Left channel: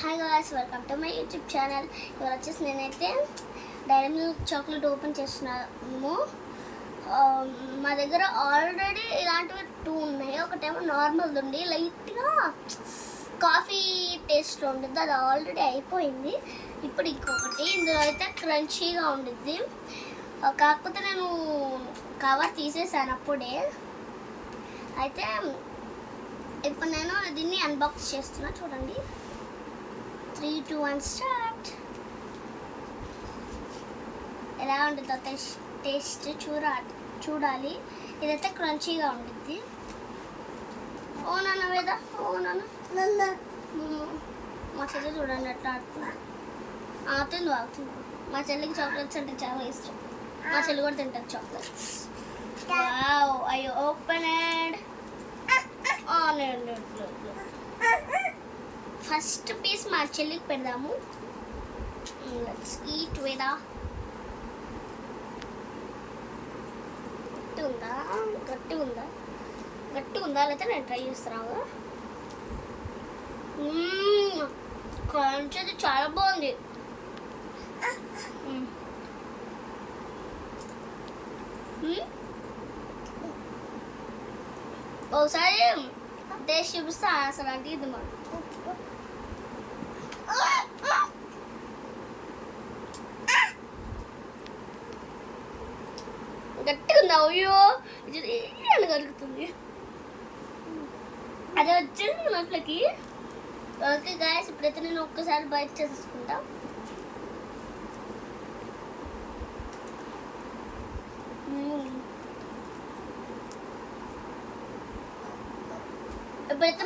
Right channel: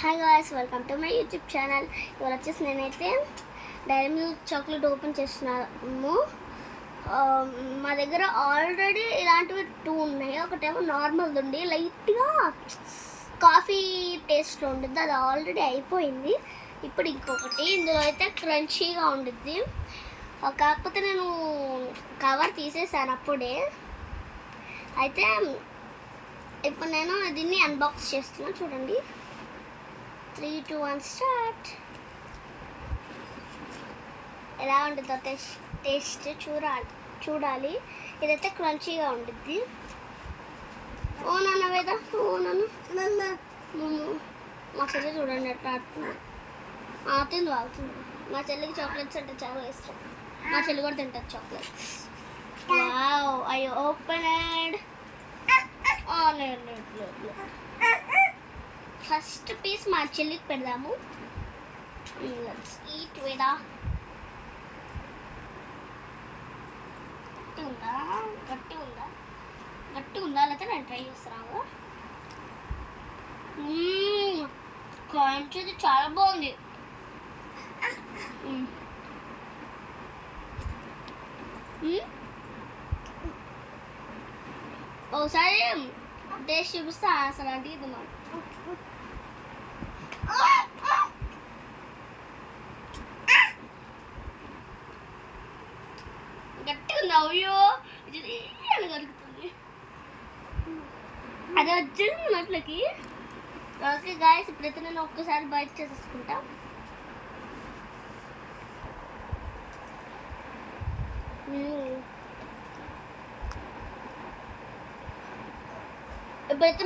Hi guys, welcome to my YouTube channel. ఇవాళ వచ్చేసి నేనైతే డైరీ మిల్క్ చాక్లెట్ ఓపెన్ చేస్తున్నాము. మా దగ్గర ఆల్రెడీ ఇలాంటివి 2 ఉన్నాయి. ఒకటేమో నార్మల్ది ఉండి లైట్గా కాఫీ టేస్ట్లో ఉంటుంది, అది ఆల్రెడీ అయిపోయింది. ఇప్పుడు ఇంకొకటి ఇందులో అయితే క్రంచీగా ఉండిద్ది. కాకపోతే నేను కవర్ తీసేసాను అప్పుడే. అయితే ఇప్పుడు నేను దీన్ని అన్బాక్స్ చేస్తున్నా, చూడండి. 3, 2, 1 స్టార్ట్. ఎలా ఉంటుందో టేస్ట్ చూడాలి. ఇదైతే క్రంచీగా ఉంటుంది. ఓ నాన్న వేద, ఓ నాన్న మా చెల్లి చూడండి ఎట్లా ఆడుతుంది. ఆడుతుంది. మా చెల్లికి చాక్లెట్స్ అంటే చాలా ఇష్టం. మా చెల్లి కూడా తింటారు chocolates. Wow, I opened. First piece మా చెల్లికి పెడదాము. Let's eat Veda. గట్టి ఉందా లేకపోతే నేను ట్రై చేస్తాను. క్రంచ్ చాలా బాగుంది. ఒకసారి టేస్ట్ చూపిస్తా అసలు అంటే ఇది మనం గట్టి ఉంది. అయ్యో కలుగుతుంది, అది వచ్చేది నోట్లకి. ఓకే గాయస్, ఇప్పుడైతే నేను ఒక్కసారి బయట చేసేసుకుంటా. ఇప్పుడైతే